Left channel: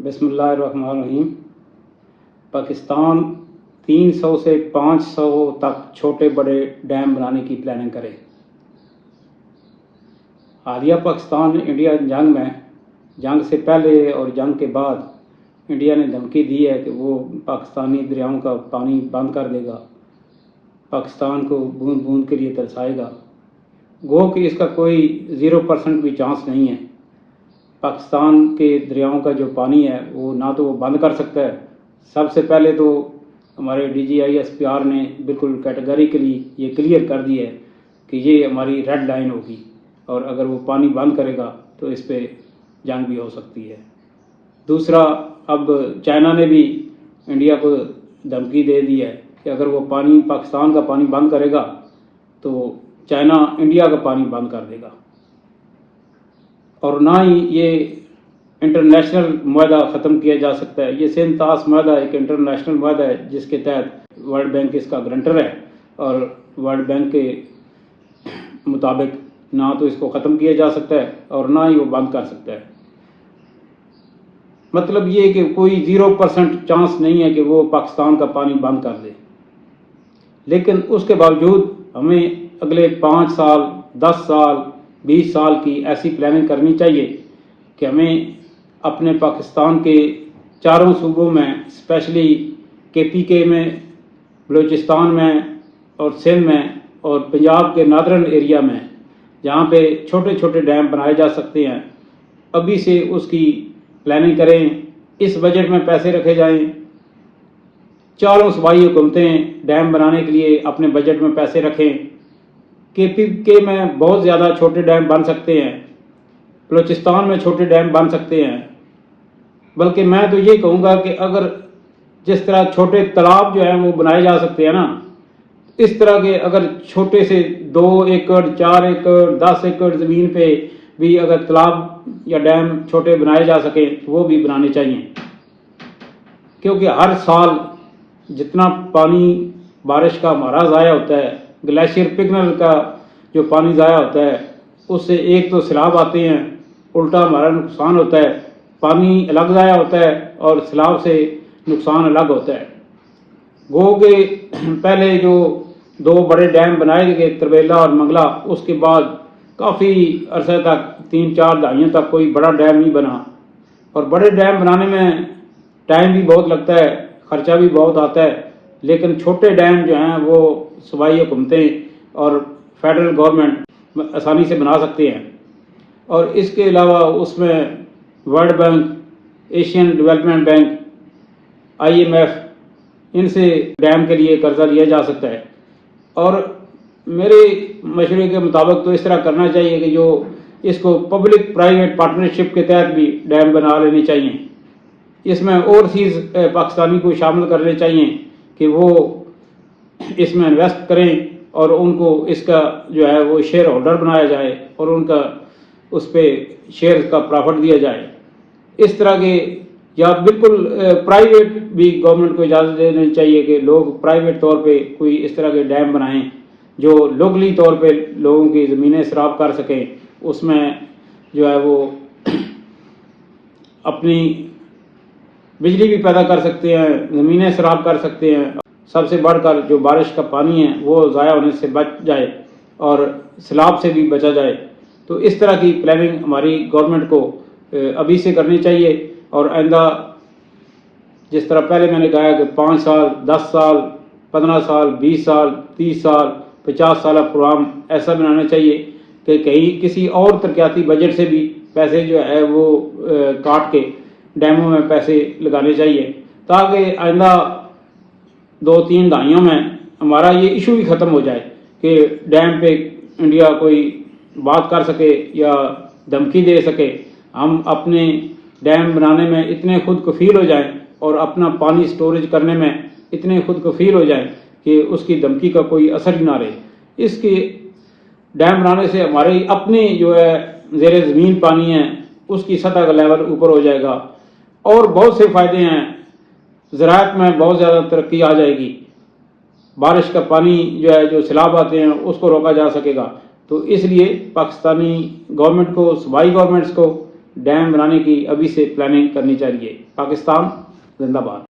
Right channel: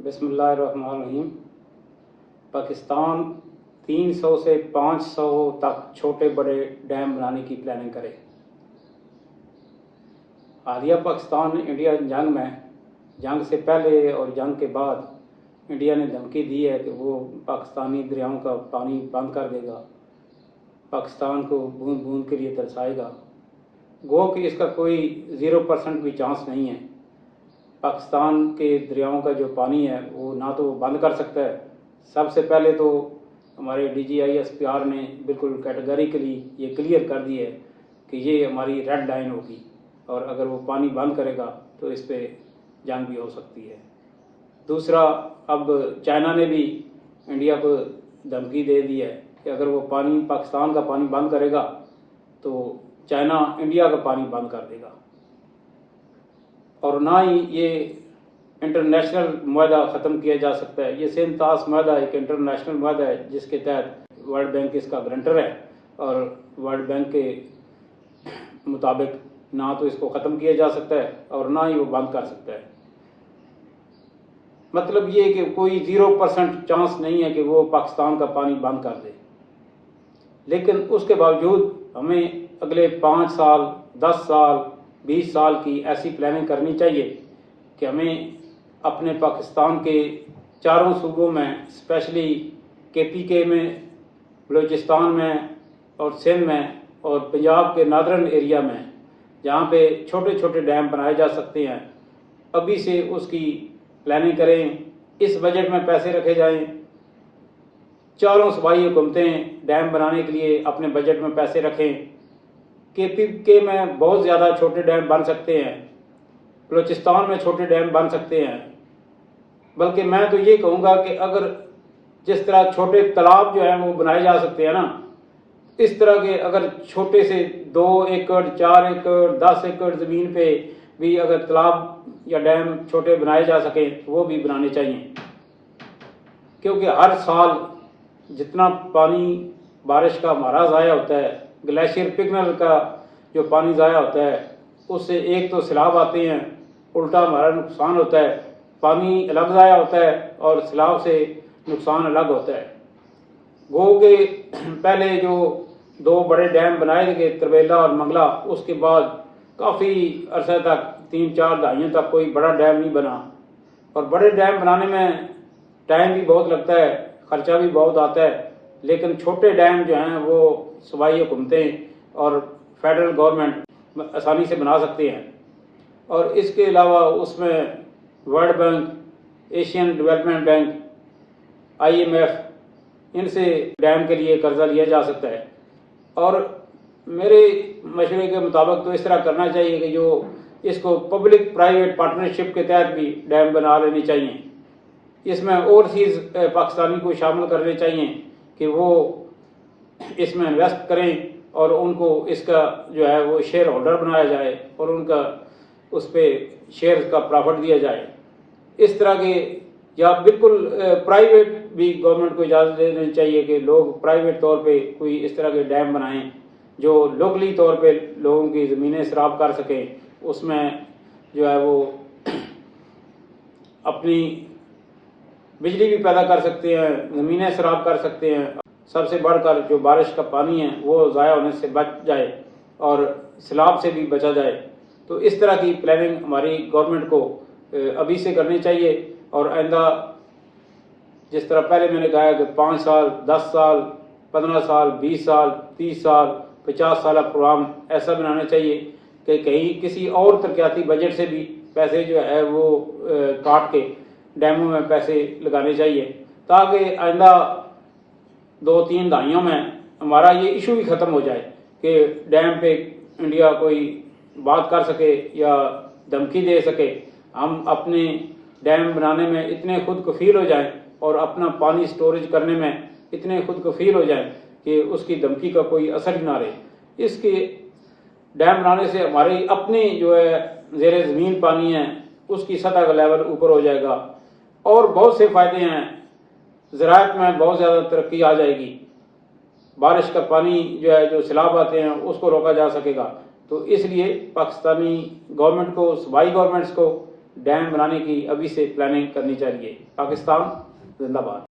बिस्मिल्लाहिर्रहमानिर्रहीम। पाकिस्तान 300 से 500 तक छोटे बड़े डैम बनाने की प्लानिंग करे। हालिया पाकिस्तान इंडिया जंग से पहले और जंग के बाद इंडिया ने धमकी दी है कि वो पाकिस्तानी दरियाओं का पानी बंद कर देगा, पाकिस्तान को बूंद बूंद के लिए तरसाएगा। गो कि इसका कोई 0% भी चांस नहीं है। पाकिस्तान के दरियाओं का जो पानी है वो ना तो वो बंद कर सकता है। सबसे पहले तो हमारे DGI-SPR ने बिल्कुल कैटेगरिकली ये क्लियर कर दिया है कि ये हमारी रेड लाइन होगी और अगर वो पानी बंद करेगा तो इस पर जंग भी हो सकती है। दूसरा, अब चाइना ने भी इंडिया को धमकी दे दी है कि अगर वो पाकिस्तान का पानी बंद करेगा तो चाइना इंडिया का पानी बंद कर देगा। और ना ही ये इंटरनेशनल मुआहदा ख़त्म किया जा सकता है। ये सिंतास मुआहदा एक इंटरनेशनल मुआहदा है जिसके तहत वर्ल्ड बैंक इसका गारंटर है और वर्ल्ड बैंक के मुताबिक ना तो इसको ख़त्म किया जा सकता है और ना ही वो बंद कर सकता है। मतलब ये कि कोई 0% चांस नहीं है कि वो पाकिस्तान का पानी बंद कर दे। लेकिन उसके बावजूद हमें अगले 5 साल, 10 साल, 20 साल की ऐसी प्लानिंग करनी चाहिए कि हमें अपने पाकिस्तान के चारों सूबों में, स्पेशली KPK में, बलूचिस्तान में और सिंध में और पंजाब के नादरन एरिया में, जहाँ पे छोटे छोटे डैम बनाए जा सकते हैं, अभी से उसकी प्लानिंग करें। इस बजट में पैसे रखे जाएं। चारों सूबाई हुकूमतें डैम बनाने के लिए अपने बजट में पैसे रखें। KPK में बहुत ज़्यादा छोटे डैम बन सकते हैं, बलूचिस्तान में छोटे डैम बन सकते हैं। बल्कि मैं तो ये कहूँगा कि अगर जिस तरह छोटे तालाब जो हैं वो बनाए जा सकते हैं ना, इस तरह के अगर छोटे से 2 एकड़, 4 एकड़, 10 एकड़ ज़मीन पे भी अगर तालाब या डैम छोटे बनाए जा सकें तो वो भी बनाने चाहिए। क्योंकि हर साल जितना पानी बारिश का हमारा ज़ाया होता है, ग्लेशियर पिघलने का जो पानी ज़ाया होता है, उससे एक तो सैलाब आते हैं, उल्टा हमारा नुकसान होता है। पानी अलग ज़ाया होता है और सैलाब से नुकसान अलग होता है। गो के पहले जो 2 बड़े डैम बनाए गए, तरबेला और मंगला, उसके बाद काफ़ी अरसे तक 3-4 दहाइयों तक कोई बड़ा डैम नहीं बना। और बड़े डैम बनाने में टाइम भी बहुत लगता है, ख़र्चा भी बहुत आता है। लेकिन छोटे डैम जो हैं वो सूबाई हुकूमतें और फेडरल गवर्नमेंट आसानी से बना सकते हैं। और इसके अलावा उसमें world bank, Asian development bank, IMF, इनसे डैम के लिए कर्जा लिया जा सकता है। और मेरे मशवरे के मुताबिक तो इस तरह करना चाहिए कि जो इसको पब्लिक प्राइवेट पार्टनरशिप के तहत भी डैम बना लेने चाहिए। इसमें ओवरसीज़ पाकिस्तानी को शामिल करने चाहिए कि वो इसमें इन्वेस्ट करें और उनको इसका जो है वो शेयर होल्डर बनाया जाए और उनका उस पर शेयर का प्रॉफिट दिया जाए। इस तरह के, या बिल्कुल प्राइवेट भी गवर्नमेंट को इजाज़त देनी चाहिए कि लोग प्राइवेट तौर पे कोई इस तरह के डैम बनाएं जो लोकली तौर पे लोगों की ज़मीनें सराब कर सकें। उसमें जो है वो अपनी बिजली भी पैदा कर सकते हैं, ज़मीनें सराब कर सकते हैं। सबसे बढ़कर जो बारिश का पानी है वो ज़ाया होने से बच जाए और सैलाब से भी बचा जाए। तो इस तरह की प्लानिंग हमारी गवर्नमेंट को अभी से करनी चाहिए। और आइंदा जिस तरह पहले मैंने कहा कि 5 साल, 10 साल, 15 साल, 20 साल, 30 साल, 50 साल प्रोग्राम ऐसा बनाना चाहिए कि कहीं किसी और तरक्याती बजट से भी पैसे जो है वो काट के डैमों में पैसे लगाने चाहिए, ताकि आइंदा 2-3 दहाइयों में हमारा ये इशू ही ख़त्म हो जाए कि डैम पे इंडिया कोई बात कर सके या धमकी दे सके। हम अपने डैम बनाने में इतने खुद कफील हो जाएं और अपना पानी स्टोरेज करने में इतने खुद कफील हो जाएं कि उसकी धमकी का कोई असर ही ना रहे। इसके डैम बनाने से हमारी अपनी जो है ज़ेरे ज़मीन पानी है उसकी सतह का लेवल ऊपर हो जाएगा और बहुत से फ़ायदे हैं। ज़राअत में बहुत ज़्यादा तरक्की आ जाएगी। बारिश का पानी जो है, जो सैलाब आते हैं, उसको रोका जा सकेगा। तो इसलिए पाकिस्तानी गवर्नमेंट को, सूबाई गवर्नमेंट्स को ڈیم بنانے کی ابھی سے پلاننگ کرنی چاہیے۔ پاکستان زندہ باد۔